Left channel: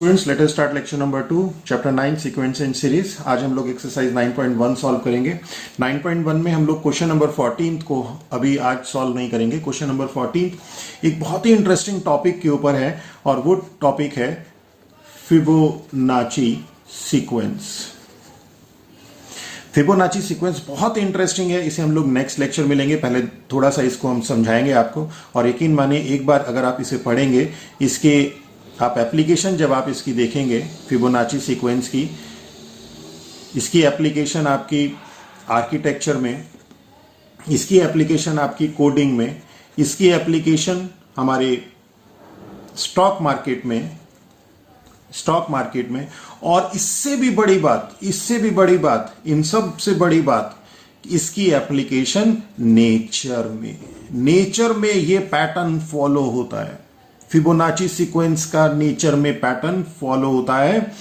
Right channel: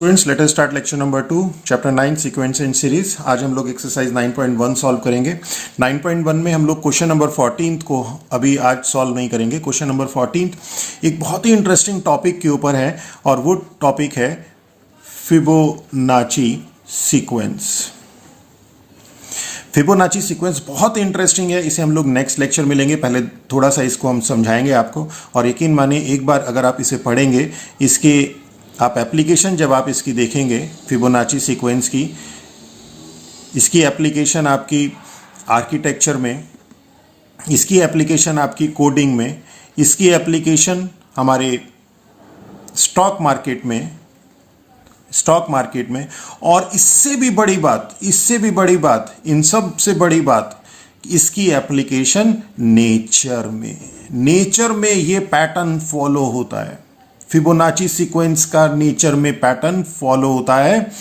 Students let us start lecture number 2 chapter 9 sequence and series. आज हम लोग exercise 9.1 solve करेंगे। 9.1 में हम लोग क्वेश्चन नंबर 14 को अभी आज सॉल्व नहीं करेंगे। क्वेश्चन नंबर 14 एक बहुत ही इंटरेस्टिंग टॉपिक के ऊपर है और वो टॉपिक है फिबोनाची सीक्वेंस। फिबोनाची सीक्वेंस बहुत इंटरेस्टिंग है, इसे हम लोग नेक्स्ट लेक्चर में लेंगे। पहले थोड़ा सा इसको हम समझाएंगे आपको, और यकीन मानिए एक बार अगर आप इसे पढ़ेंगे, इसके आप एप्लीकेशन जब आप इसकी देखेंगे फिबोनाची सीक्वेंस की, इसकी एप्लीकेशन आपकी आर्किटेक्चर में, इसकी एप्लीकेशन आपकी कोडिंग में, इसकी एप्लीकेशन हमारे स्टॉक मार्केट में, और इससे भी बड़ी बात, इन सब से बड़ी बात, इसकी एप्लीकेशन नेचर में ये पैटर्न फॉलो होता है। फिबोनाची सीक्वेंस का नेचर में पैटर्न फॉलो होता है।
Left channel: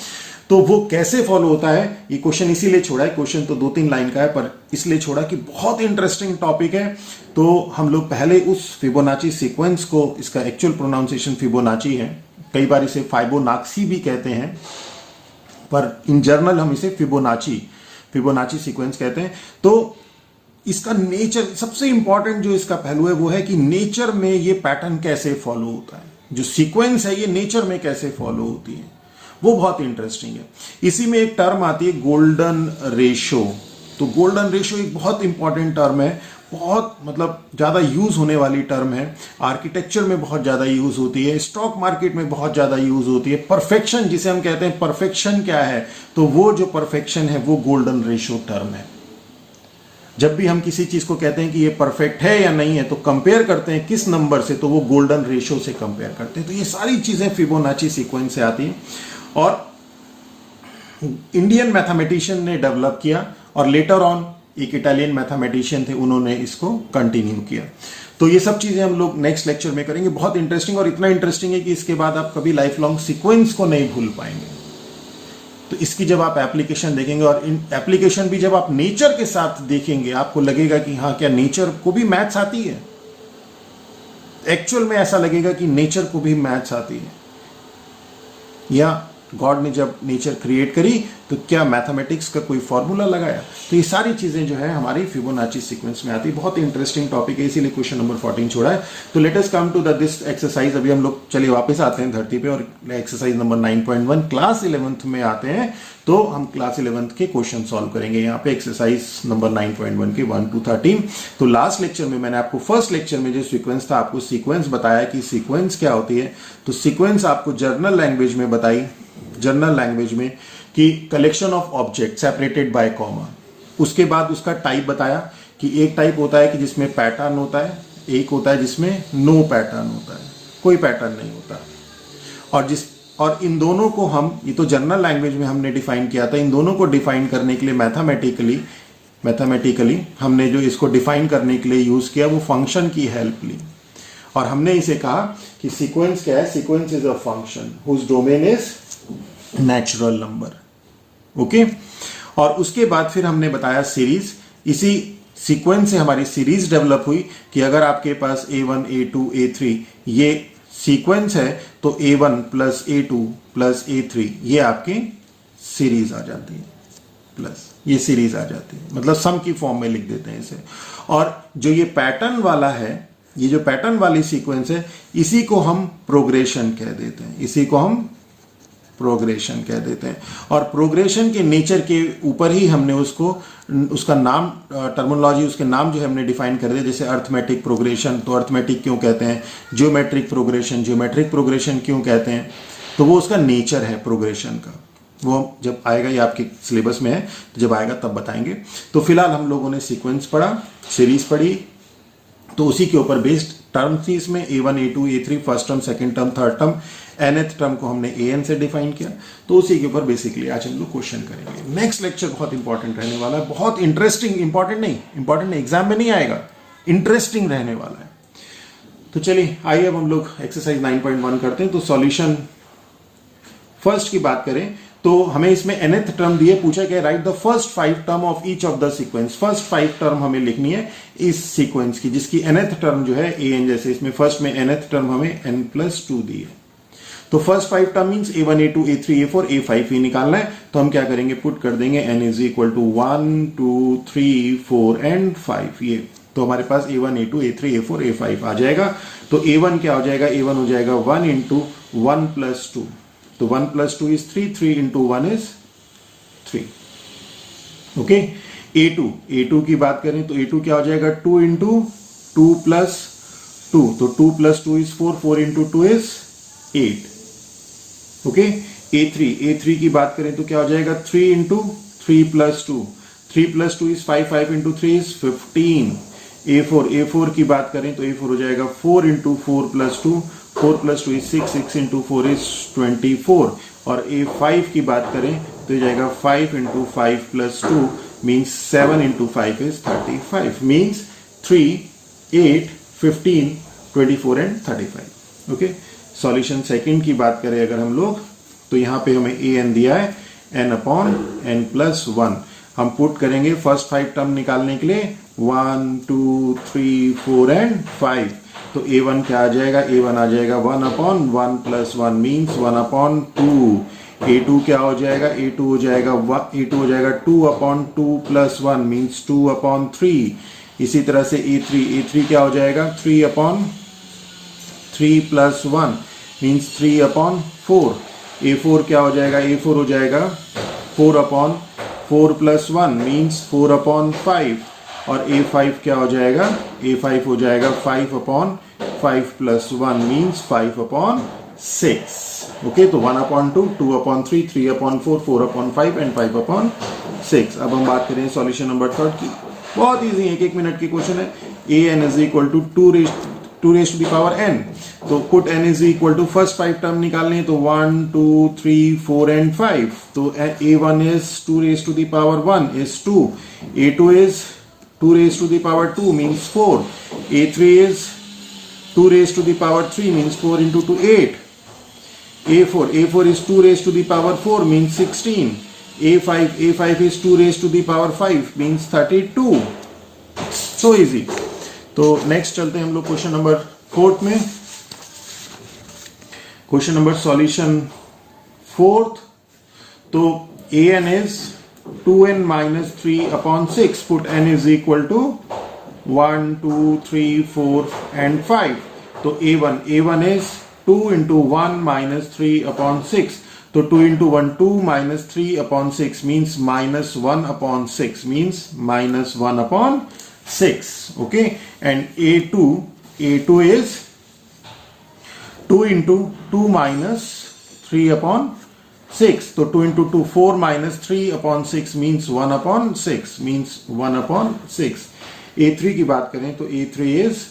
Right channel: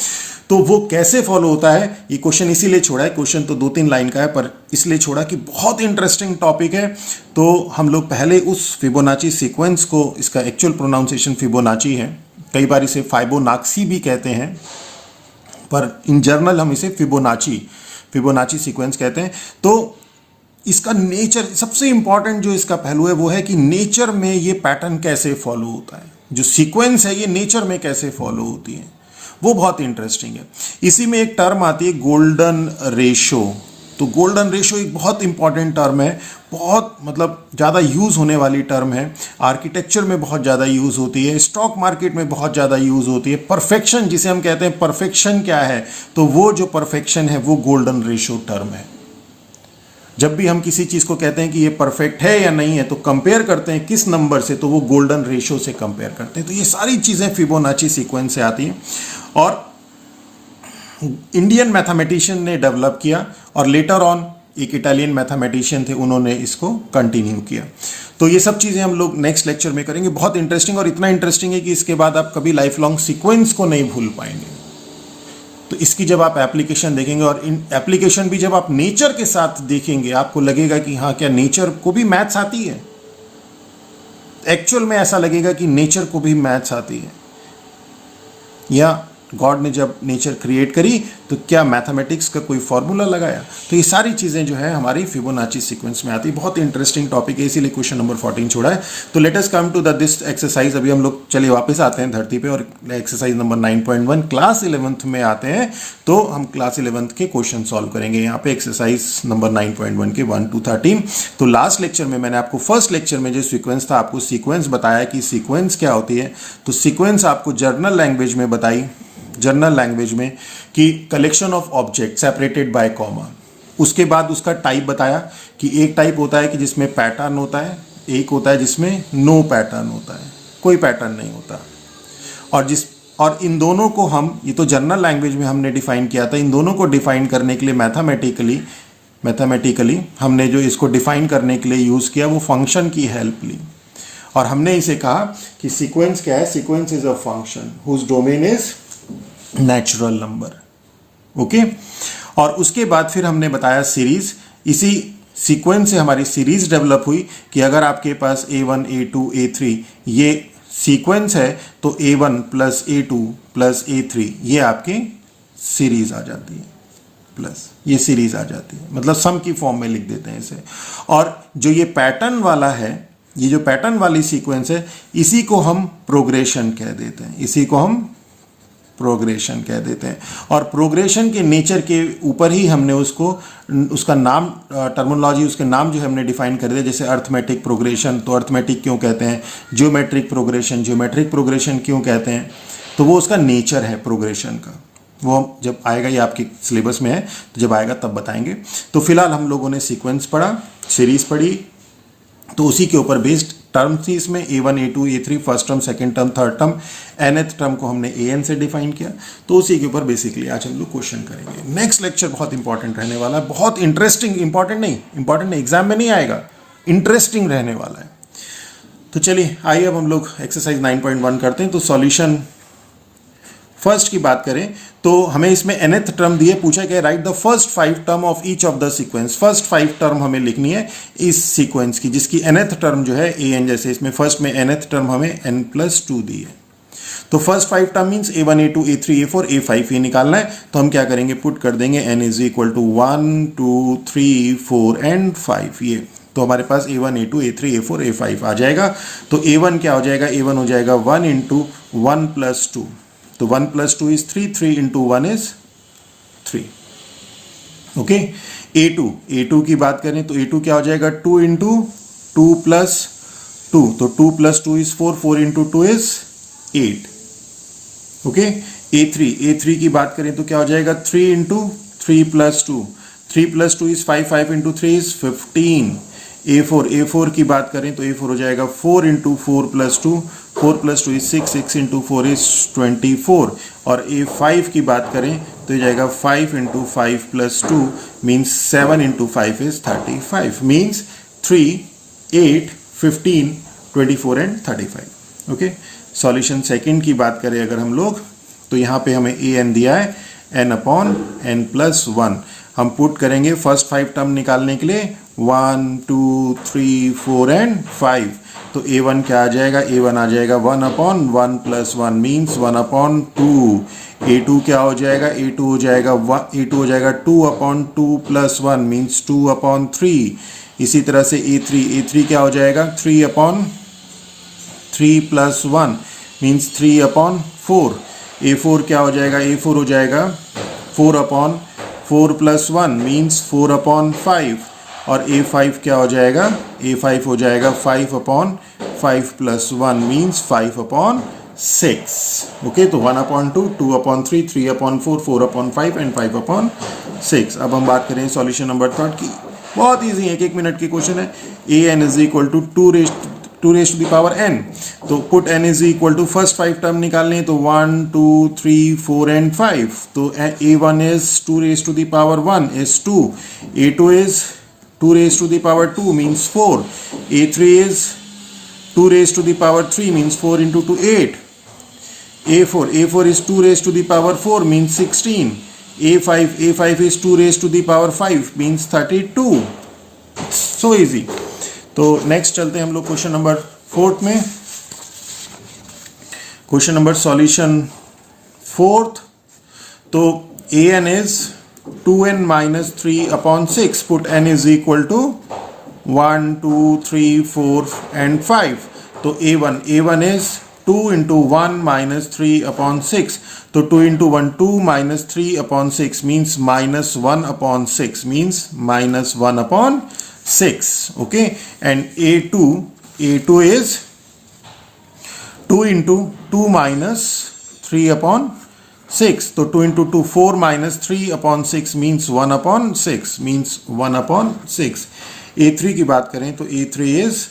तो वो कैसे फॉलो होता है, ये क्वेश्चन इसीलिए छोड़ा है। क्वेश्चन तो 2-3 लाइन का है, पर इसलिए छोड़ा कि बहुत इंटरेस्टिंग टॉपिक है। तो हम लोग पहले उस फिबोनाची सीक्वेंस को, इसका एक्चुअल प्रोनाउंसिएशन फिबोनाची है, कई बार इसे फाइबोनाक्सी भी कहते हैं, पर इन जनरल हम इसे फिबोनाची सीक्वेंस कहते हैं। तो इसका नेचर, सबसे इंपॉर्टेंट जो इसका पहलू है वो है कि नेचर में ये पैटर्न कैसे फॉलो होता है, जो सीक्वेंस है ये नेचर में कैसे फॉलो होती है, वो बहुत इंटरेस्टिंग है। इसी में एक टर्म आती है गोल्डन रेशो। तो गोल्डन रेशो एक बहुत इंपॉर्टेंट टर्म है, बहुत मतलब ज़्यादा यूज़ होने वाली टर्म है। आर्किटेक्चर में बहुत ज़्यादा यूज़ होती है, स्टॉक मार्केट में बहुत ज़्यादा यूज़ होती है। परफेक्शन जिसे हम कहते हैं, परफेक्शन क्या है, तो वो जो परफेक्शन है वो गोल्डन रेशो टर्म है। जब भी हम किसी चीज़ को कहते हैं कि ये परफेक्ट है या नहीं है, तो कंपेयर करते हैं किस नंबर से, तो वो गोल्डन रेशो से कंपेयर करते हैं। तो ये सारी चीज़ें फिबोनाची सीक्वेंस से आती हैं, और इंडियन मैथमेटिशियन ने डेवलप किया, और लेटर ऑन एक इटालियन मैथमेटिशियन थे, उन्होंने इसको कंटिन्यू किया। तो ये सब चीज़ें हम लोग नेक्स्ट लेक्चर में करेंगे। बहुत इंटरेस्टिंग, और इतना इंटरेस्टिंग है कि इसके बाद आप कभी लाइफ लॉन्ग सीक्वेंस को नहीं भूल पाएंगे। तो इसकी जब आप एप्लीकेशन देखेंगे, और इन एप्लीकेशन भी जब आप नेचर के साथ देखेंगे, आपको लगेगा कि हाँ, क्या नेचर को भी मैथ्स आती है। एक्चुअल में ऐसा लगेगा कि नेचर को भी मैथ्स आती है, या गॉड ने जब नेचर क्रिएट करी तो क्या मैथमेटिक्स का कोई फॉर्मूला लगाया। तो ये सारी चीज़ें जो है हमारी फिबोनाची सीक्वेंस में आती है। बहुत इंटरेस्टिंग टॉपिक है, इसीलिए क्वेश्चन नंबर 14 छोड़ा है। तो let us come to this exercise. अभी हम लोग चलिए वापस आते हैं धरती पे, और एक्सरसाइज नंबर 9.1 क्लास 11th में आते हैं। तो हम क्लास 11th के क्वेश्चन सॉल्व करेंगे यहाँ पे, एक्सरसाइज नंबर 9.1 के 1 to 13। तो लास्ट लेक्चर में मैंने आपको, फर्स्ट लेक्चर में जो सीक्वेंस था, आपको सीक्वेंस बताया कि सीक्वेंस क्या होती है। तो सीक्वेंस आपको जर्नल लैंग्वेज में बताई, जर्नल लैंग्वेज में, कि collection of object separated by comma. उसके बाद उसका टाइप बताया कि एक टाइप होता है कि जिसमें पैटर्न होता है, एक होता है जिसमें नो पैटर्न होता है, कोई पैटर्न नहीं होता। और इन दोनों को हम, ये तो जर्नल लैंग्वेज में हमने डिफाइन किया था, इन दोनों को डिफाइन करने के लिए मैथमेटिकली हमने जो इसको डिफाइन करने के लिए यूज किया, वो फंक्शन की हेल्प ली। और हमने इसे कहा कि सीक्वेंस क्या है, sequence is a function whose domain is natural number. Okay. और उसके बाद फिर हमने बताया सीरीज। इसी सीक्वेंस से हमारी सीरीज डेवलप हुई कि अगर आपके पास A1, A2, A3 ये सीक्वेंस है, तो A1 plus A2 plus A3 ये आपकी सीरीज आ जाती है, प्लस ये सीरीज आ जाती है, मतलब सम की फॉर्म में लिख देते हैं इसे। और जो ये पैटर्न वाला है, ये जो पैटर्न वाली सीक्वेंस है, इसी को हम प्रोग्रेशन कह देते हैं, और प्रोग्रेशन के नेचर के ऊपर ही हमने उसका नाम, टर्मिनोलॉजी, उसके नाम जो है हमने डिफाइन कर दिया। जैसे अर्थमेटिक प्रोग्रेशन, तो अर्थमेटिक क्यों कहते हैं, ज्योमेट्रिक प्रोग्रेशन क्यों कहते हैं, तो वो उसका नेचर है प्रोग्रेशन का। वो जब आएगा, ये आपके सिलेबस में है, तो जब आएगा तब बताएंगे। तो फिलहाल हम लोगों ने सीक्वेंस पढ़ा, सीरीज पढ़ी, तो उसी के ऊपर बेस्ड टर्म थी इसमें, A1, A2, A3 first term, second term, third term, nth term को हमने an से डिफाइन किया। तो उसी के ऊपर बेसिकली आज हम लोग क्वेश्चन करेंगे। नेक्स्ट लेक्चर बहुत इंपॉर्टेंट रहने वाला है, बहुत इंटरेस्टिंग, इंपॉर्टेंट नहीं, एग्जाम में नहीं आएगा, इंटरेस्टिंग रहने वाला है। तो चलिए आइए अब हम लोग एक्सरसाइज 9.1 करते हैं। तो सॉल्यूशन फर्स्ट की बात करें, तो हमें इसमें nth टर्म दिए, पूछा गया right the first 5 term of each of the sequence. First 5 term हमें लिखनी है इस सीक्वेंस की, जिसकी nth टर्म जो है an, जैसे इसमें फर्स्ट में nth टर्म हमें n+2 दी है। तो first 5 term means A1 A2 A3 A4 A5 ये निकालना है, तो हम क्या करेंगे, पुट कर देंगे n is equal to 1 2 3 4 and 5 ये, तो हमारे पास A1 A2 A3 A4 A5 आ जाएगा। तो A1 क्या हो जाएगा, A1 हो जाएगा 1 इंटू 1 प्लस 2, तो 1 plus 2 is 3, 3 into 1 is 3। Okay, A2 की बात करें तो A2 क्या हो जाएगा, 2 इंटू 2 प्लस 2, तो 2 plus 2 is 4, 4 into 2 is 8। Okay, A3 की बात करें तो क्या हो जाएगा, 3 into 3 plus 2, 3 plus 2 is 5, 5 into 3 is 15। A4 की बात करें तो A4 हो जाएगा 4 into 4 plus 2, 4 plus 2 is 6, 6 into 4 is 24। और A5 की बात करें तो ये जाएगा 5 into 5 plus 2 means 7 into 5 is 35, means 3, 8, 15, 24 and 35। Okay, solution second की बात करें अगर हम लोग, तो यहाँ पे हमें an दिया है n अपॉन n प्लस 1, हम पुट करेंगे फर्स्ट 5 टर्म निकालने के लिए 1 2 3 4 एंड 5, तो A1 क्या आ जाएगा, A1 आ जाएगा 1 upon 1 plus 1 means 1 upon 2। A2 क्या हो जाएगा, A2 हो जाएगा 2 अपॉन 2 प्लस 1 मीन्स 2 अपॉन 3। इसी तरह से A3 क्या हो जाएगा, 3 upon 3 plus 1 means 3 upon 4। A4 क्या हो जाएगा, A4 हो जाएगा 4 अपॉन 4 प्लस 1 मीन्स 4 अपॉन 5। और A5 क्या हो जाएगा, A5 हो जाएगा 5 upon 5 plus 1 means 5 upon 6। Okay, तो 1 upon 2, 2 upon 3, 3 upon 4, 4 upon 5 and 5 upon 6। अब हम बात करें सॉल्यूशन नंबर थर्ड की, बहुत इजी है, 1 मिनट की क्वेश्चन है। an is equal to 2 raised to the power n, तो put n is equal to first 5 term निकालने, तो 1 2 3 4 एंड 5, तो a1 is 2 raise to the power 1 is 2, a2 is 2 raise to the power 2 means 4, a3 is 2 raise to the power 3 means 4 into 2 8, a4 is 2 raised to the power 4 means 16, a5 is 2 raised to the power 5 means 32। so easy। तो next चलते हैं हम लोग question number 4 में। Question number solution 4, तो an is 2n minus 3 upon 6, put n is equal to 1 2 3 4 and 5, तो a1 is 2 into 1 minus 3 upon 6, तो 2 into 1 2 minus 3 upon 6 means minus 1 upon 6 means minus 1 upon 6। okay, and a2 is 2 into 2 minus 3 upon 6, तो 2 into 2 4 minus 3 upon 6 means 1 upon 6 means 1 upon 6। a3 की बात करें तो a3 is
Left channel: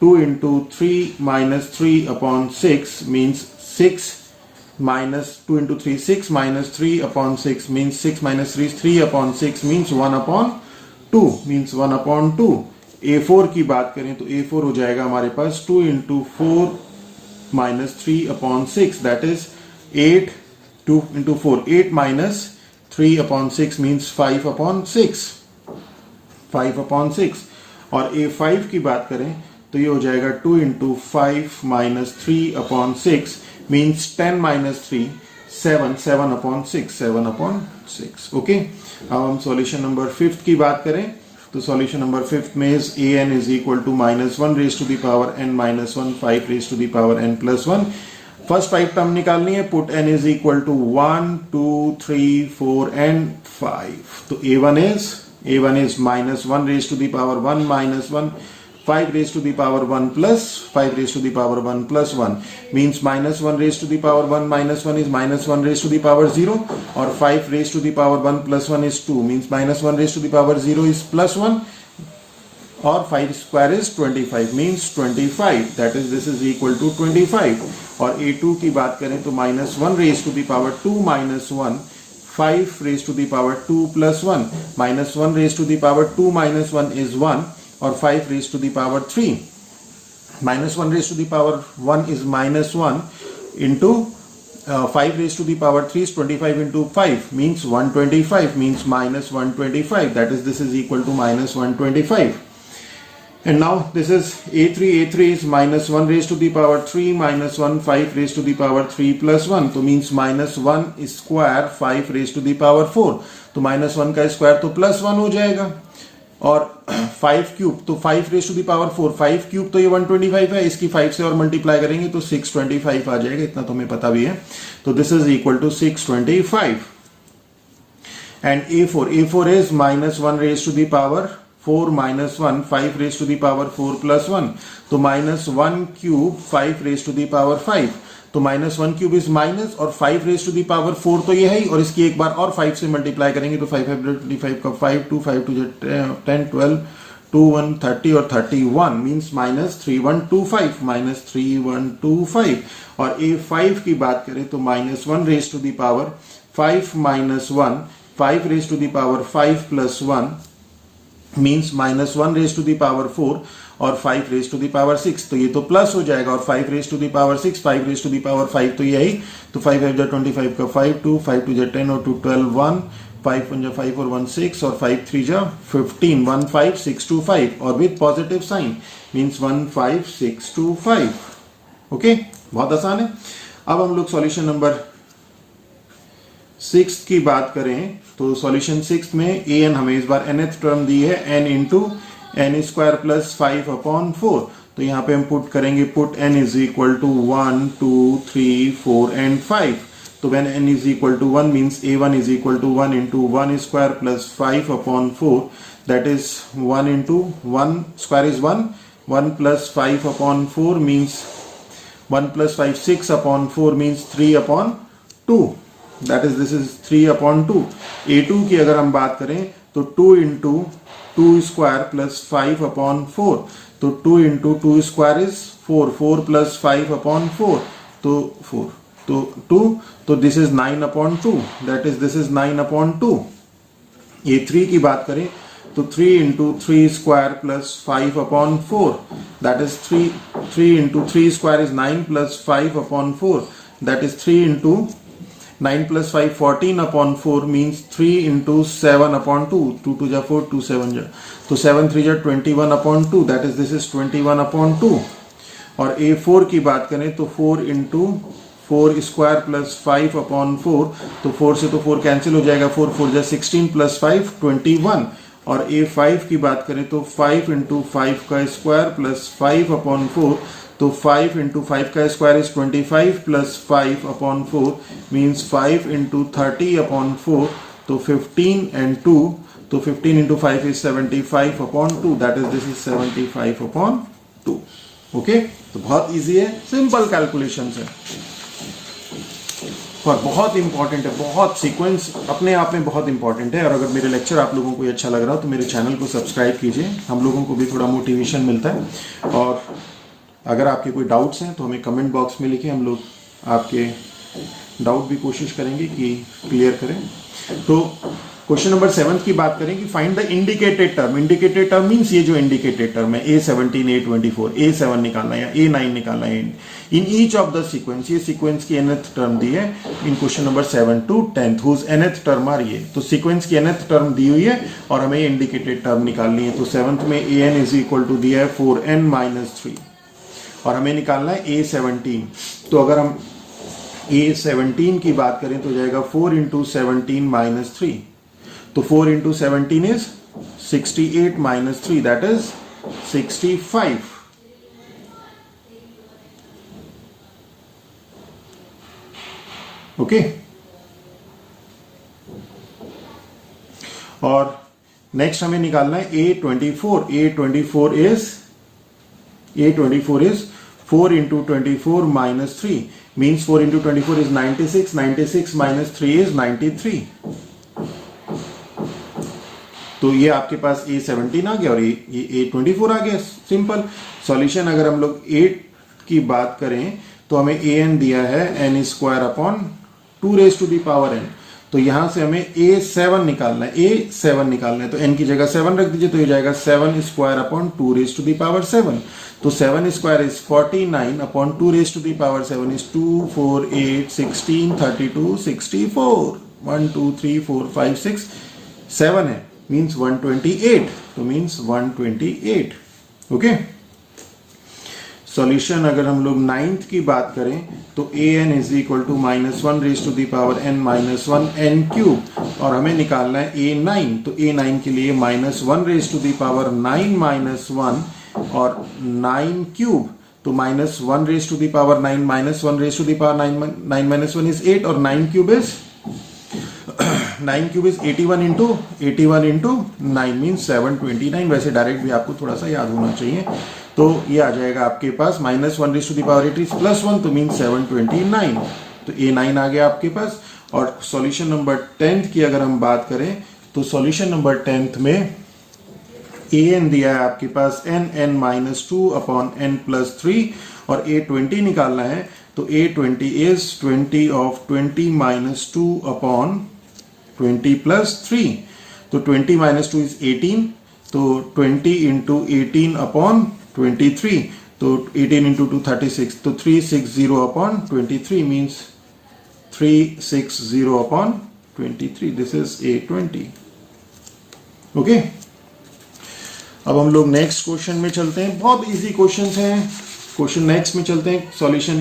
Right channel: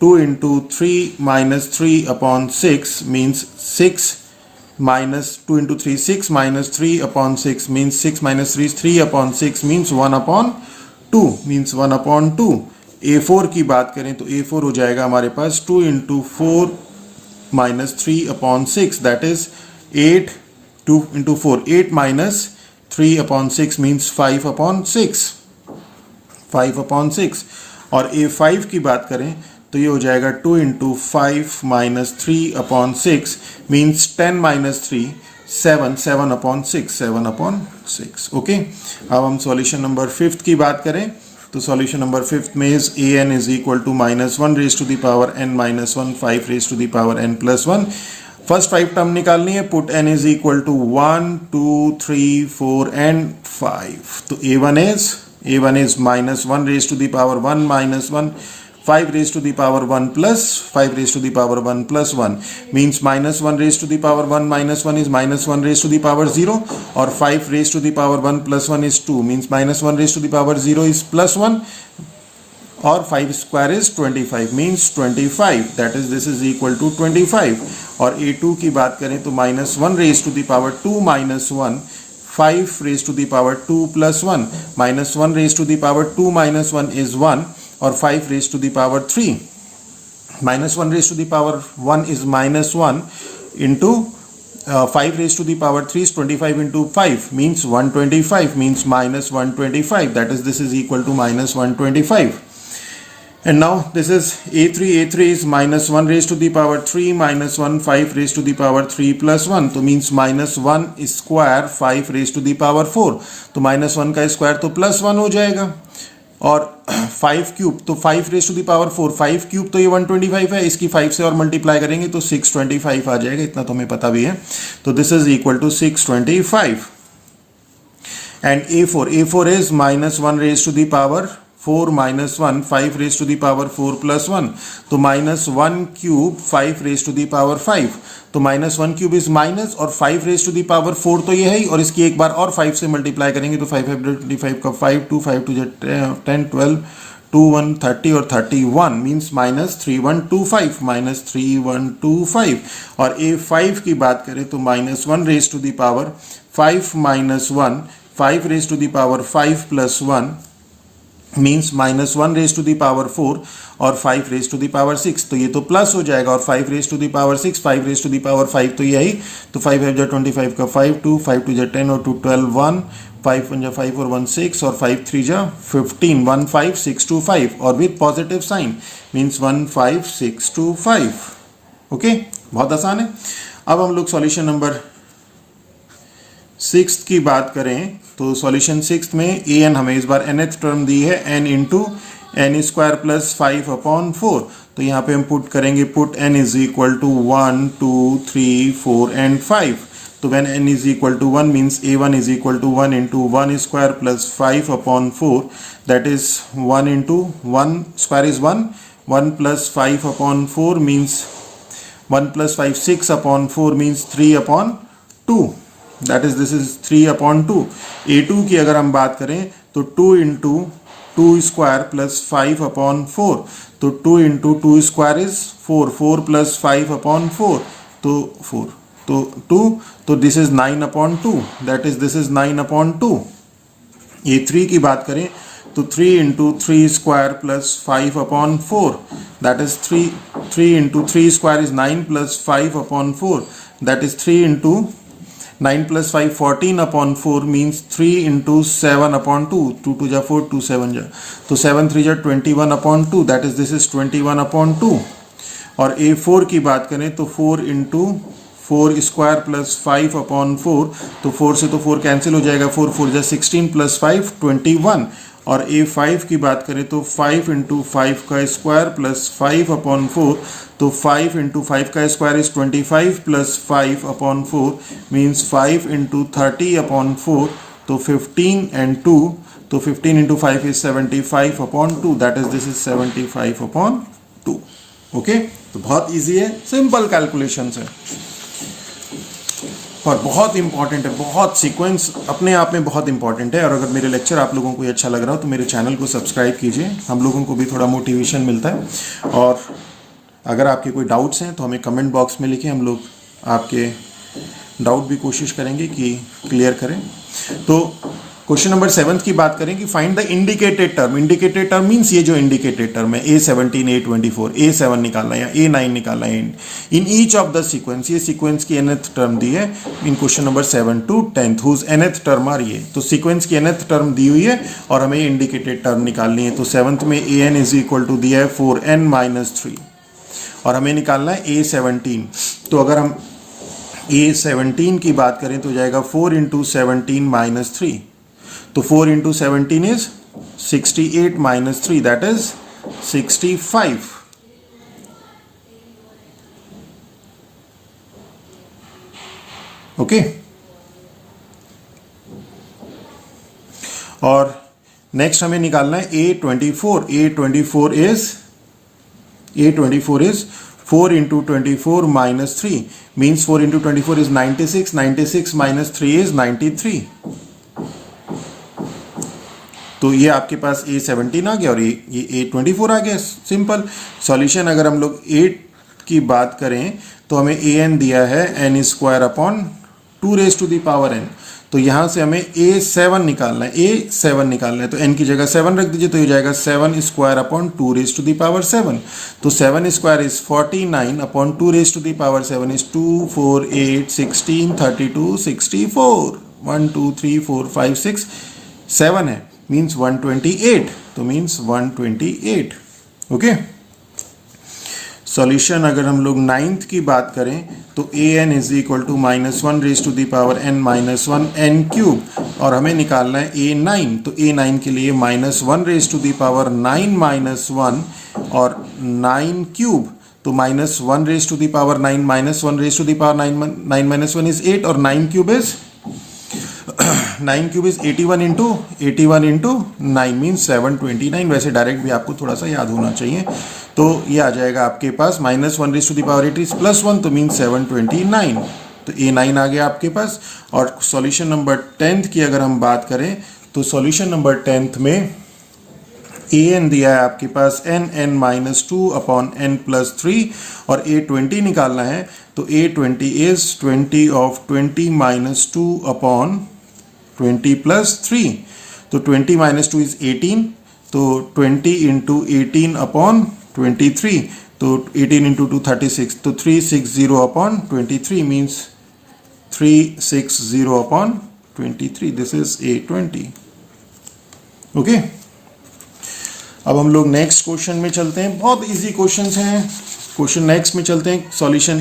2 into 3 minus 3 upon 6 means 6 minus 2 into 3 6 minus 3 upon 6 means 6 minus 3 is 3 upon 6 means 1 upon 2 means 1 upon 2। a4 की बात करें तो a4 हो जाएगा हमारे पास 2 into 4 minus 3 upon 6 that is 8, 2 into 4 8 minus 3 upon 6 means 5 upon 6, 5 upon 6। और a5 की बात करें तो ये हो जाएगा 2 into 5 minus 3 upon 6 means 10 minus 3 7 upon 6 7 upon 6। Okay, अब हम सॉल्यूशन नंबर 5 की बात करें तो सॉल्यूशन नंबर 5 में is an is equal to -1 raise to the power n minus 1 5 raise to the power n plus 1। First 5 term निकालनी है, put n is equal to 1 2 3 4 and 5, तो a1 is -1 raise to the power 1 minus 1 5 raised to the power 1 plus 5 raised to the power 1 plus 1 means -1 raised to the power 1 minus 1 is -1 raised to the power 0, और 5 raised to the power 1 plus 1 is 2 means -1 raised to the power 0 is plus 1, और 5 square is 25 means 25, that is this is equal to 25। और a2 की बात करें तो -1 raised to the power 2 minus 1 5 raised to the power 2 plus 1 -1 raised to the power 2 minus 1 is 1, और 5 raised to the power 3 -1 raised to the power 1 is -1 into 5 raised to the power 3 is 25 into 5 means 125 means -125, that is this is equal to -125। And now this is a3. a3 is minus 1 raised to the power 3 minus 1 5 raised to the power 3 plus 1, तो means minus 1 square 5 raise to the power 4, तो minus 1 का square तो plus 1 हो जाएगा, और 5 cube तो 5 raise to the power 4, 5 cube तो ये 125 है, इसकी 5 से और मल्टीप्लाई करेंगे तो 625 आ जाएगा, इतना तो हमें पता भी है, तो this is equal to 625. And a4 is minus 1 raise to the power 4 minus 1 5 raised to the power 4 plus 1, तो minus 1 cube 5 raised to the power 5, तो minus 1 cube is minus और 5 raised to the power 4 तो ये है ही, और इसकी एक बार और 5 से मल्टीप्लाई करेंगे तो 5 25 का 5 2 5 2 10 12 2 1 30 और 31 मीन्स माइनस 3125 माइनस 3125. और a5 की बात करें तो minus 1 raise to the power 5 minus 1 5 raise to the power 5 plus 1 means minus 1 raise to the power 4 और 5 रेज टू दी पावर 6, तो ये तो प्लस हो जाएगा, और 5 raise to the power 6 5 raise to the power 5 तो यही, तो 5 5 25 का 5 2 5 2 10 और 2 12 1 5 1 5 और 1 6 और 5 3 15 1 5 6 2 5 और with positive sign means 1 5 6 2 5. Okay, बहुत आसान है. अब हम लोग सॉल्यूशन नंबर 6 की बात करें तो सॉल्यूशन 6 में ए एन हमें इस बार nth टर्म दी है n into n square plus 5 upon 4, तो यहाँ पे हम पुट करेंगे put n is equal to 1 2 3 4 and 5, तो when n is equal to 1 means a1 is equal to 1 into 1 square plus 5 upon 4, that is 1 into 1 square is 1 plus 5 upon 4 means 1 plus 5 6 upon 4 means 3 upon 2, that is this is 3 upon 2. a2 की अगर हम बात करें तो 2 into 2 square plus 5 upon 4, तो 2 into 2 square is 4 4 plus 5 upon 4 तो 4 तो 2, तो this is 9 upon 2, that is this is 9 upon 2. a3 की बात करें तो 3 into 3 square plus 5 upon 4, that is 3 into 3 square is 9 plus 5 upon 4, that is 3 into 9 plus 5 14 upon 4 means 3 into 7 upon 2, 2 2 जा 4 2 7 जा, तो 7 3 जा 21 upon 2, that is this is 21 upon 2. और a4 की बात करें तो 4 into 4 स्क्वायर प्लस 5 अपॉन 4, तो 4 से तो 4 कैंसिल हो जाएगा, 4 4 जा 16 प्लस 5 21. और a5 की बात करें तो 5 इंटू 5 का स्क्वायर प्लस 5 अपॉन 4, तो 5 इंटू 5 का square is 25 plus 5 upon 4 means 5 into 30 upon 4, तो 15 एंड 2, तो 15 into 5 is 75 upon 2, that is this is 75 upon 2. Okay, तो बहुत इजी है, सिंपल कैलकुलेशन है और बहुत इंपॉर्टेंट है, बहुत सीक्वेंस अपने आप में बहुत इंपॉर्टेंट है. और अगर मेरे लेक्चर आप लोगों को अच्छा लग रहा हो तो मेरे चैनल को सब्सक्राइब कीजिए, हम लोगों को भी थोड़ा मोटिवेशन मिलता है. और अगर आपके कोई डाउट्स हैं तो हमें कमेंट बॉक्स में लिखिए, हम लोग आपके डाउट भी कोशिश करेंगे कि क्लियर करें. तो क्वेश्चन नंबर 7 की बात करें कि find the indicated term. Indicated term means ये जो इंडिकेटेड टर्म है A17 A24 A7 निकालना है या A9 निकालना है in each of the sequence, ये सीक्वेंस की nth टर्म दी है in question number 7 to 10th whose nth term आ रही है. तो सीक्वेंस की nth टर्म दी हुई है और हमें इंडिकेटेड टर्म निकालनी है. तो 7th में an इज इक्वल टू दिया है 4n-3 और हमें निकालना है A17. तो अगर हम A17 की बात करें तो जाएगा 4 इंटू 17 माइनस 3, तो 4 into 17 is 68 minus 3, that is 65. Okay, और नेक्स्ट हमें निकालना है A24. A24 is 4 into 24 minus 3 means 4 into 24 is 96. 96 minus 3 is 93. तो ये आपके पास A17 आ गया और ये A24 आ गया. Simple solution. अगर हम लोग 8 की बात करें तो हमें an दिया है n square upon 2 raise to the power n, तो यहां से हमें A7 निकालना है. तो n की जगह 7 रख दीजिए, तो ये जाएगा 7 square upon 2 raise to the power 7. तो 7 square is 49 upon 2 raise to the power 7 is 2 4 8 16 32 64. 1 2 3 4 5 6 7 है मीन्स 128, तो मीन्स 128. ओके। सॉल्यूशन अगर हम लोग 9th की बात करें तो a n is equal to -1 raise to the power n -1 n cube, और हमें निकालना है A9। तो A9 के लिए -1 रेज टू द पावर 9 -1 और 9 क्यूब, तो -1 raise to the power 9 -1 raise to the power 9 -1 is 8, और 9 क्यूब इज 81 इंटू 9 मीन्स 729। वैसे डायरेक्ट भी आपको थोड़ा सा याद होना चाहिए। तो ये आ जाएगा आपके पास -1 रेज टू द पावर 8 +1, तो मीन्स 729। तो A9 आ गया आपके पास। और सॉल्यूशन नंबर 10th की अगर हम बात करें तो सॉल्यूशन नंबर 10th में an दिया है आपके पास n(-2) अपॉन n+3 और A20 निकालना है। तो A20 इज 20 of 20 - 2 अपॉन 20 + 3। तो 20 - 2 इज 18, तो 20 इंटू 18 अपॉन 23, तो 18 इंटू 2 36, तो 360 upon 23 means 360 upon 23। This is A20। Okay, अब हम लोग नेक्स्ट क्वेश्चन में चलते हैं। बहुत इजी क्वेश्चंस हैं। क्वेश्चन नेक्स्ट में चलते हैं। सॉल्यूशन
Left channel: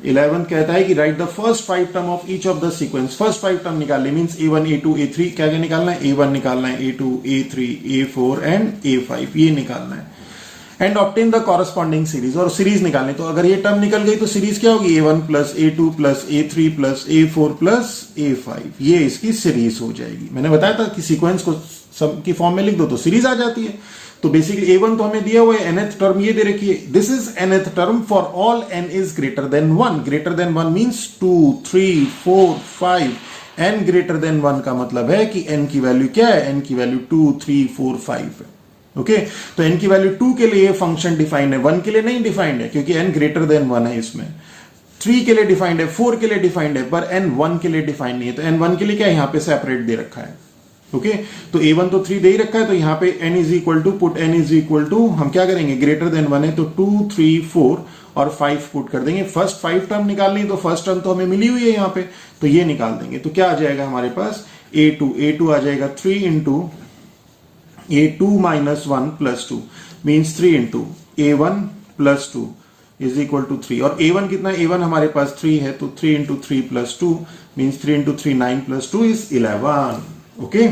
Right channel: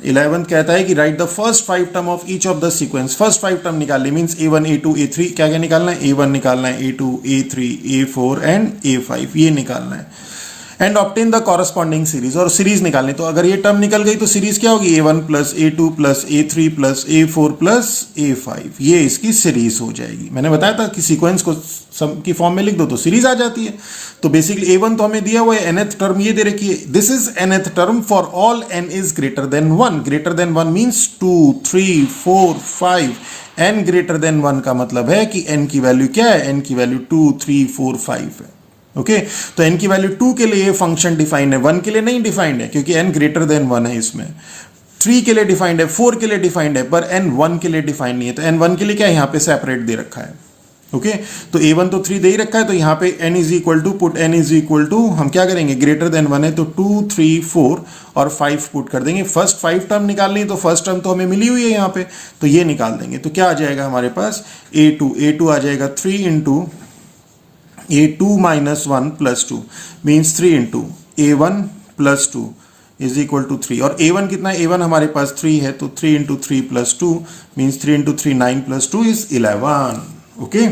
11th कहता है कि right the first 5 term of each of the sequence. First 5 term निकालने मींस A1 A2 A3, क्या क्या निकालना है? A1 निकालना है, A2 A3 A4 and A5 ये निकालना है। And obtain the corresponding series, और सीरीज निकालने। तो अगर ये टर्म निकल गई तो सीरीज क्या होगी? A1 + A2 + A3 + A4 + A5, ये इसकी सीरीज हो जाएगी। मैंने बताया था कि सीक्वेंस को सब की फॉर्म में लिख दो तो सीरीज आ जाती है। तो बेसिकली A1 तो हमें दिया हुआ है, nth टर्म ये दे रखी है। This is nth term for all n is greater then 1। Greater than 1 means 2 3 4 5। n greater than 1 का मतलब है कि n की वैल्यू क्या है? n की वैल्यू 2 3 4 5 है। ओके, तो n की वैल्यू 2 के लिए फंक्शन डिफाइंड है, 1 के लिए नहीं डिफाइंड है क्योंकि n ग्रेटर देन 1 है इसमें। 3 के लिए डिफाइंड है, 4 के लिए डिफाइंड है, पर n 1 के लिए डिफाइंड नहीं है। तो n 1 के लिए क्या है? यहां पे सेपरेट दे रखा है। ओके, तो A1 तो 3 दे ही रखा है, तो यहां पे n is equal to put n is equal to, हम क्या करेंगे? ग्रेटर देन 1 है तो 2 3 4 और 5 पुट कर देंगे। फर्स्ट 5 टर्म निकालनी है, तो फर्स्ट टर्म तो हमें मिली हुई है यहाँ पे, तो ये निकाल देंगे। तो क्या आ जाएगा हमारे पास? A2 आ जाएगा 3 into A2 - 1 + 2 means 3 into A1 + 2 is equal to 3। और A1 कितना है? A1 हमारे पास 3 है, तो 3 into 3 + 2 means 3 into 3 9 + 2 is 11। Okay,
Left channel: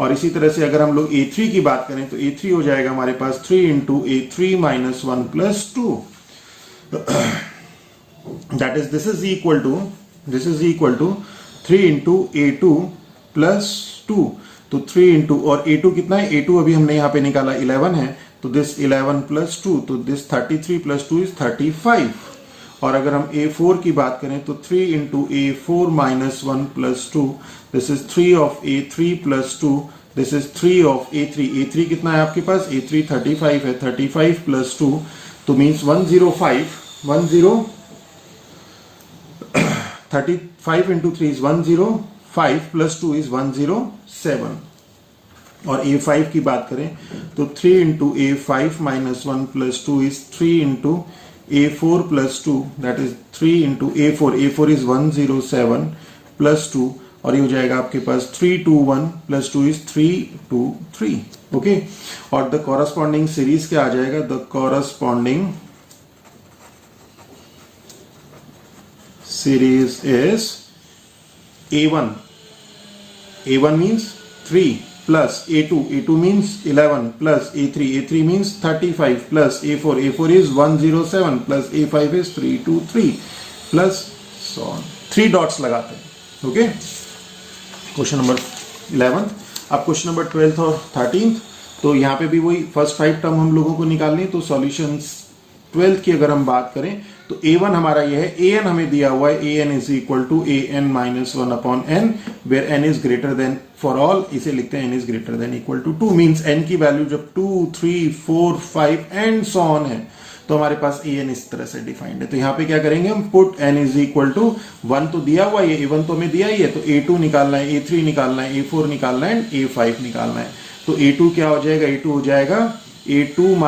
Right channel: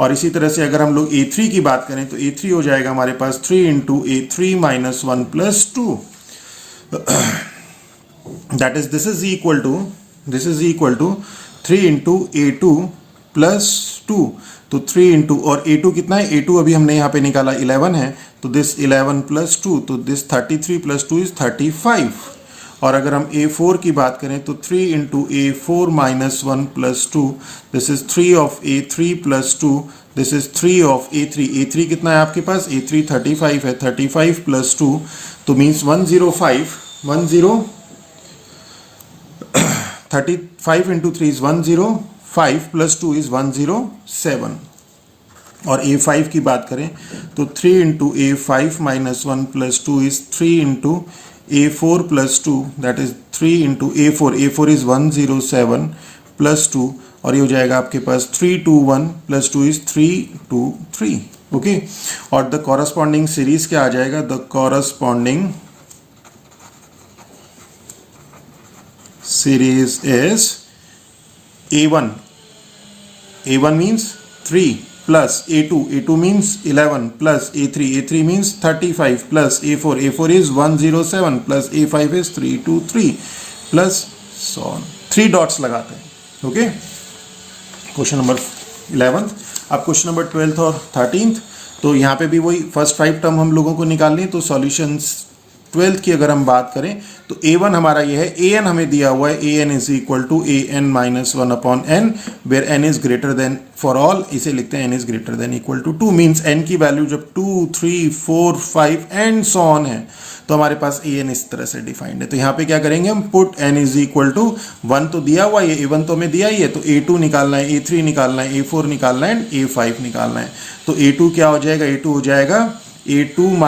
और इसी तरह से अगर हम लोग A3 की बात करें तो A3 हो जाएगा हमारे पास 3 into A3 - 1 + 2 that is this is equal to 3 into A2 + 2। तो 3 इंटू, और A2 कितना है? A2 अभी हमने यहाँ पे निकाला 11 है, तो दिस 11 + 2, तो दिस 33 + 2 इज 35। और अगर हम A4 की बात करें तो 3 into A4 - 1 + 2, this is 3 of A3 + 2, this is 3 of A3। A3 कितना है आपके पास? A3 35 है, 35 + 2 तो मीन्स 105 35 इंटू 3 इज 105 + 2 इज 107। और A5 की बात करें तो 3 into A5 - 1 + 2 is 3 into A4 + 2, that is 3 into A4 is 107 + 2, और ये हो जाएगा आपके पास 321 + 2 इज 323। ओके, और द कॉरस्पॉन्डिंग सीरीज क्या आ जाएगा? The corresponding series is A1 means 3 plus A2 means 11 plus A3 means 35 plus A4 is 107 plus A5 is 323 plus so on। 3 dots लगाते हैं। Okay, question number 11। अब क्वेश्चन नंबर 12th और 13th, तो यहाँ पे भी वही फर्स्ट 5 टर्म हम लोगों को निकालनी है। तो सॉल्यूशंस 12th की अगर हम बात करें तो A1 हमारा ये है, an हमें दिया हुआ है, an is equal to an - 1 upon n, where n is greater than for all, इसे लिखते हैं n is greater than equal to 2 means n की वैल्यू जब 2 3 4 5 एंड सो ऑन है तो हमारे पास an इस तरह से डिफाइंड है। तो यहाँ पे क्या करेंगे हम? Put n is equal to 1 तो दिया हुआ है, A1 तो हमें दिया ही है, तो A2 निकालना है, A3 निकालना है, A4 निकालना है, A5 निकालना है। तो A2 क्या हो जाएगा? A2 हो जाएगा A2 -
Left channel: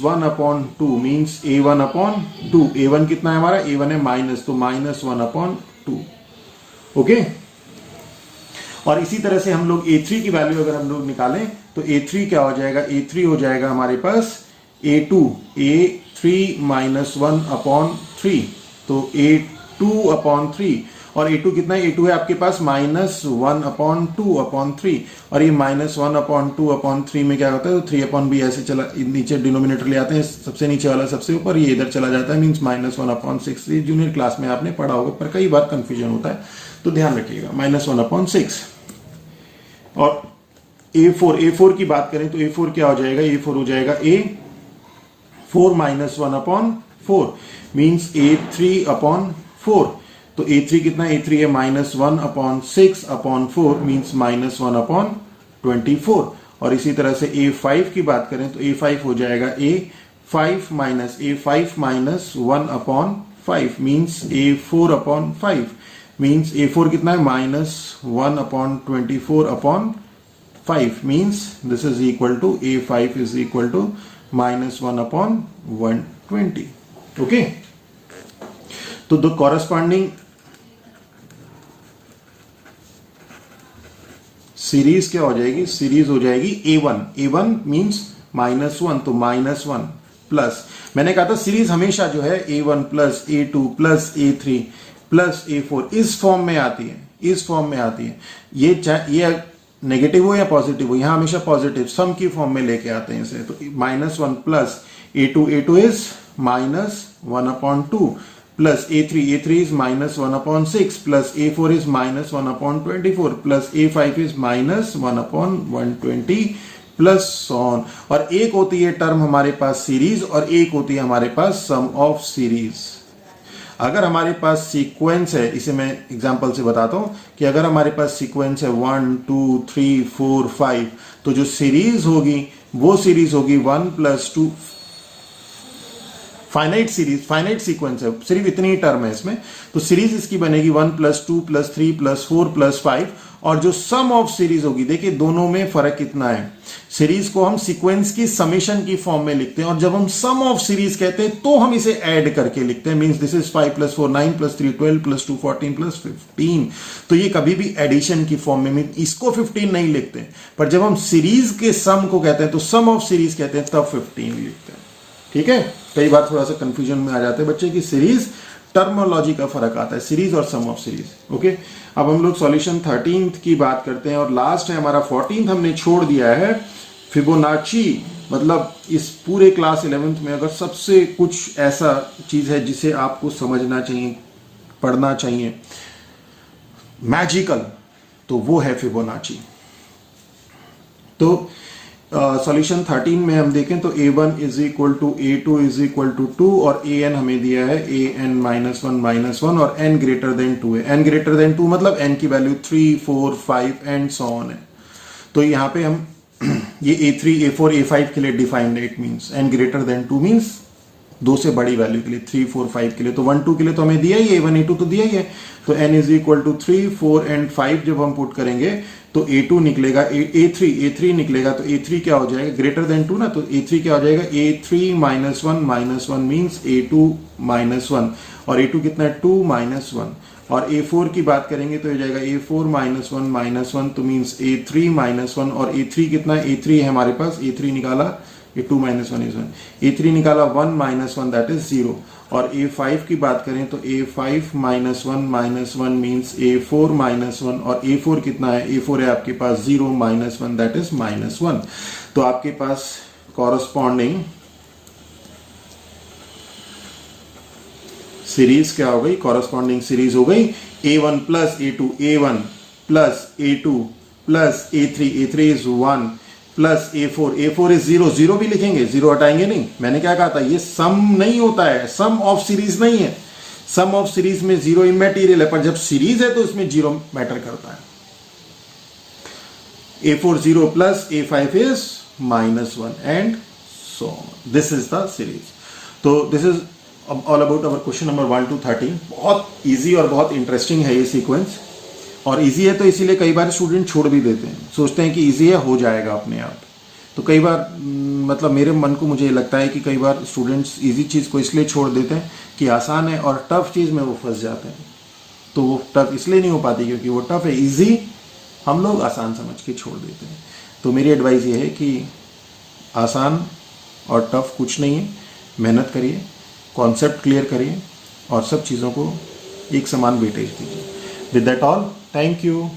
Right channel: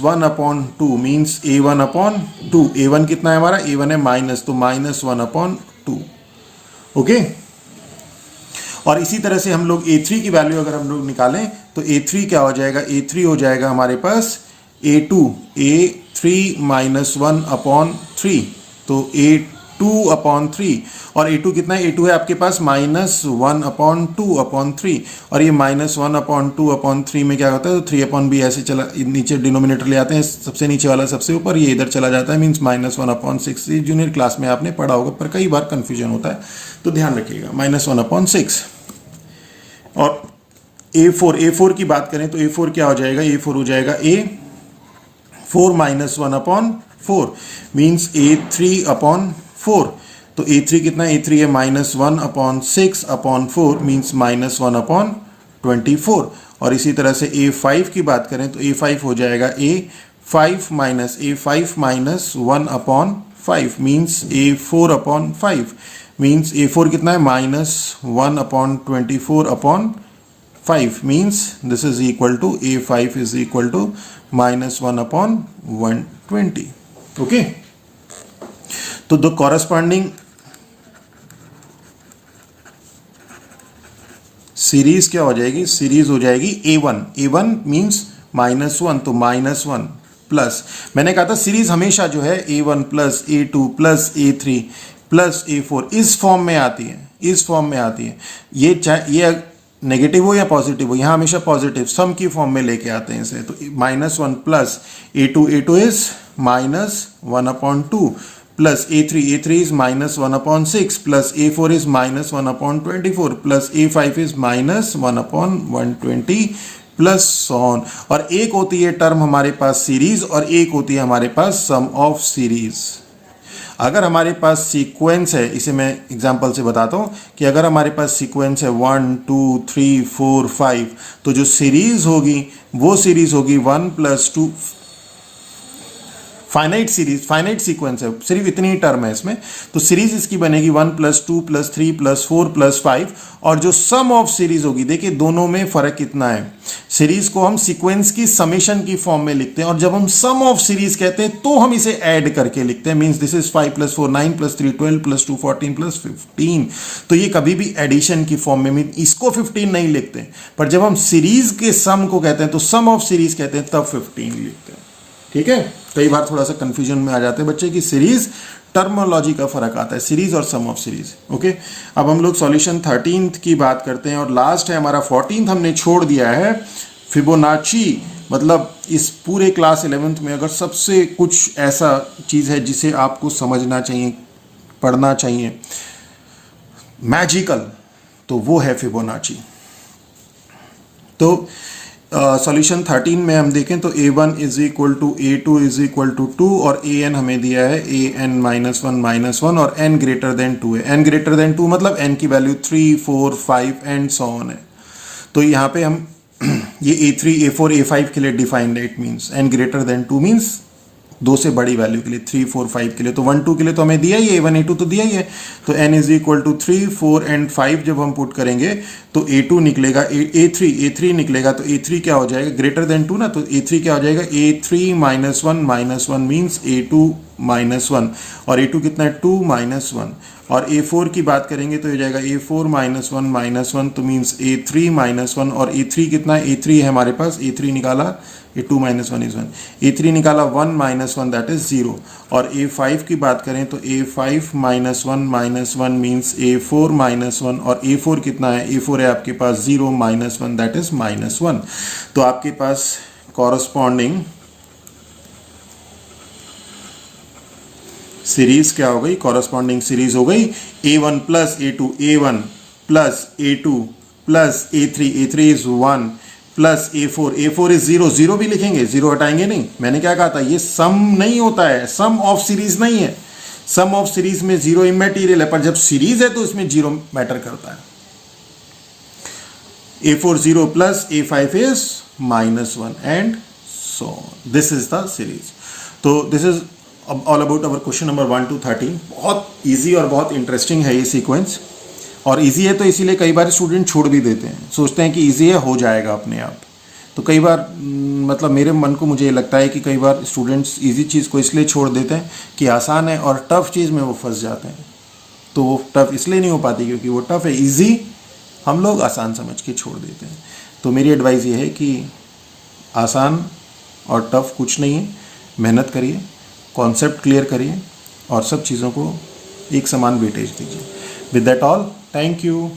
1 upon 2 means A1 upon 2। A1 कितना है हमारा? A1 है माइनस, तो -1 अपॉन 2। ओके, और इसी तरह से हम लोग A3 की वैल्यू अगर हम लोग निकालें तो A3 क्या हो जाएगा, A3 हो जाएगा हमारे पास A3 माइनस 1 अपॉन 3, तो A2 अपॉन 3, और A2 कितना है, A2 है आपके पास माइनस 1 अपॉन 2 अपॉन 3, और ये माइनस 1 अपॉन 2 अपॉन 3 में क्या होता है, तो 3 अपॉन बी ऐसे चला, नीचे डिनोमिनेटर ले आते हैं, सबसे नीचे वाला सबसे ऊपर, ये इधर चला जाता है, मीन्स माइनस 1 अपॉन 6। ये जूनियर क्लास में आपने पढ़ा होगा पर कई बार कंफ्यूजन होता है, तो ध्यान रखिएगा, माइनस 1 अपॉन 6। और A4 की बात करें तो A4 क्या हो जाएगा, A4 हो जाएगा A4 minus 1 upon 4, means A3 upon 4। तो A3 कितना, A3 है minus 1 upon 6 upon 4, means minus 1 upon 24। और इसी तरह से A5 की बात करें तो A5 हो जाएगा A5 minus 1 upon 5, means A4 upon 5, means A4 कितना है, minus 1 upon 24 upon 5, means this is equal to A5 is equal to minus 1 upon 120। Okay, तो द कॉरस्पॉन्डिंग सीरीज क्या हो जाएगी, सीरीज हो जाएगी A1 मीन्स माइनस 1, तो माइनस 1 प्लस, मैंने कहा था सीरीज हमेशा जो है A1 plus A2 plus A3 plus A4 इस फॉर्म में आती है, इस फॉर्म में आती है। ये चाहे ये नेगेटिव हो या पॉजिटिव हो, यहां हमेशा पॉजिटिव सम की फॉर्म में लेके आते हैं इसे। तो minus 1 plus A2 is minus 1 upon 2 plus A3 is minus 1 upon 6 plus A4 is minus 1 upon 24 plus A5 is minus 1 upon 120 plus so on. और एक होती है टर्म हमारे पास सीरीज और एक होती है हमारे पास सम ऑफ सीरीज। अगर हमारे पास सीक्वेंस है, इसे मैं एग्जांपल से बताता हूं कि अगर हमारे पास सीक्वेंस है 1 2 3 4 5, तो जो सीरीज होगी वो सीरीज होगी 1 plus 2, finite series, finite sequence है, सिर्फ इतनी ही टर्म है इसमें, तो सीरीज इसकी बनेगी 1 प्लस 2 प्लस 3 प्लस 4 प्लस 5। और जो सम ऑफ सीरीज होगी, देखिए दोनों में फर्क कितना है, सीरीज को हम सीक्वेंस की समेशन की फॉर्म में लिखते हैं, और जब हम सम ऑफ सीरीज कहते हैं तो हम इसे ऐड करके लिखते हैं, means this is 5 plus 4 9 plus 3 12 plus 2 14 plus 15। तो ये कभी भी एडिशन की फॉर्म में, इसको 15 नहीं लिखते, पर जब हम सीरीज के सम को कहते हैं तो सम ऑफ सीरीज कहते हैं, तब 15 लिखते हैं। ठीक है, कई बार थोड़ा सा कंफ्यूजन में आ जाते हैं बच्चे की सीरीज टर्मोलॉजी का फर्क आता है, सीरीज और सम ऑफ सीरीज। ओके, अब हम लोग सॉल्यूशन 13th की बात करते हैं, और लास्ट है हमारा 14th, हमने छोड़ दिया है फिबोनाची। मतलब इस पूरे क्लास 11th में अगर सबसे कुछ ऐसा चीज है जिसे आपको समझना चाहिए, पढ़ना चाहिए, मैजिकल, तो वो है फिबोनाची। तो सॉल्यूशन 13 में हम देखें तो A1 is equal to A2 is equal to 2, और AN हमें दिया है AN माइनस 1 और N ग्रेटर देन 2 है। N ग्रेटर देन 2 मतलब N की वैल्यू 3 4 5 एंड सो ऑन है। तो यहाँ पे हम ये A3 A4 A5 के लिए डिफाइंड है, it means N greater than 2 means 2 से बड़ी वैल्यू के लिए, 3 4 5 के लिए। तो 1 2 के लिए तो हमें दिया ही है, A1 A2 तो दिया ही है। तो N is equal to 3 4 and 5 जब हम पुट करेंगे तो A2 निकलेगा, A3 निकलेगा, तो A3 क्या हो जाएगा, ग्रेटर देन 2 ना, तो A3 क्या हो जाएगा, A3 minus 1 means A2 minus 1, और A2 कितना है 2 माइनस 1। और A4 की बात करेंगे तो हो जाएगा A4 माइनस 1 तो मीन्स A3 माइनस 1, और A3 कितना है, A3 है हमारे पास, A3 निकाला, A2 माइनस 1 इज 1, A3 निकाला 1 माइनस 1 दैट इज 0। और A5 की बात करें तो A5 minus 1 means A4 minus 1, और A4 कितना है, A4 है आपके पास 0 माइनस 1 दैट इज माइनस 1। तो आपके पास कॉरस्पॉन्डिंग सीरीज क्या हो गई, कॉरस्पॉन्डिंग सीरीज हो गई A1 plus A2, A1 plus A2 plus A3 is 1 plus A4 is 0 भी लिखेंगे, 0 हटाएंगे नहीं। मैंने क्या कहा था, ये सम नहीं होता है, सम ऑफ सीरीज नहीं है, सम ऑफ सीरीज में 0 इमैटेरियल है, पर जब सीरीज है तो उसमें 0 मैटर करता है। A4 0 plus A5 is minus 1 and so this is the series. तो this is all about our question number 1 to 13। बहुत इजी और बहुत इंटरेस्टिंग है ये सीक्वेंस, और इजी है तो इसीलिए कई बार स्टूडेंट छोड़ भी देते हैं, सोचते हैं कि इजी है हो जाएगा अपने आप। तो कई बार मतलब मेरे मन को मुझे लगता है कि कई बार स्टूडेंट्स इजी चीज़ को इसलिए छोड़ देते हैं कि आसान है, और टफ चीज़ में वो फंस जाते हैं। तो वो टफ इसलिए नहीं हो पाती क्योंकि वो टफ है। इजी हम लोग आसान समझ के छोड़ देते हैं। तो मेरी एडवाइस ये है कि आसान और टफ कुछ नहीं है, मेहनत करिए, कॉन्सेप्ट क्लियर करिए और सब चीज़ों को एक समान वेटेज दीजिए। With that all, thank you.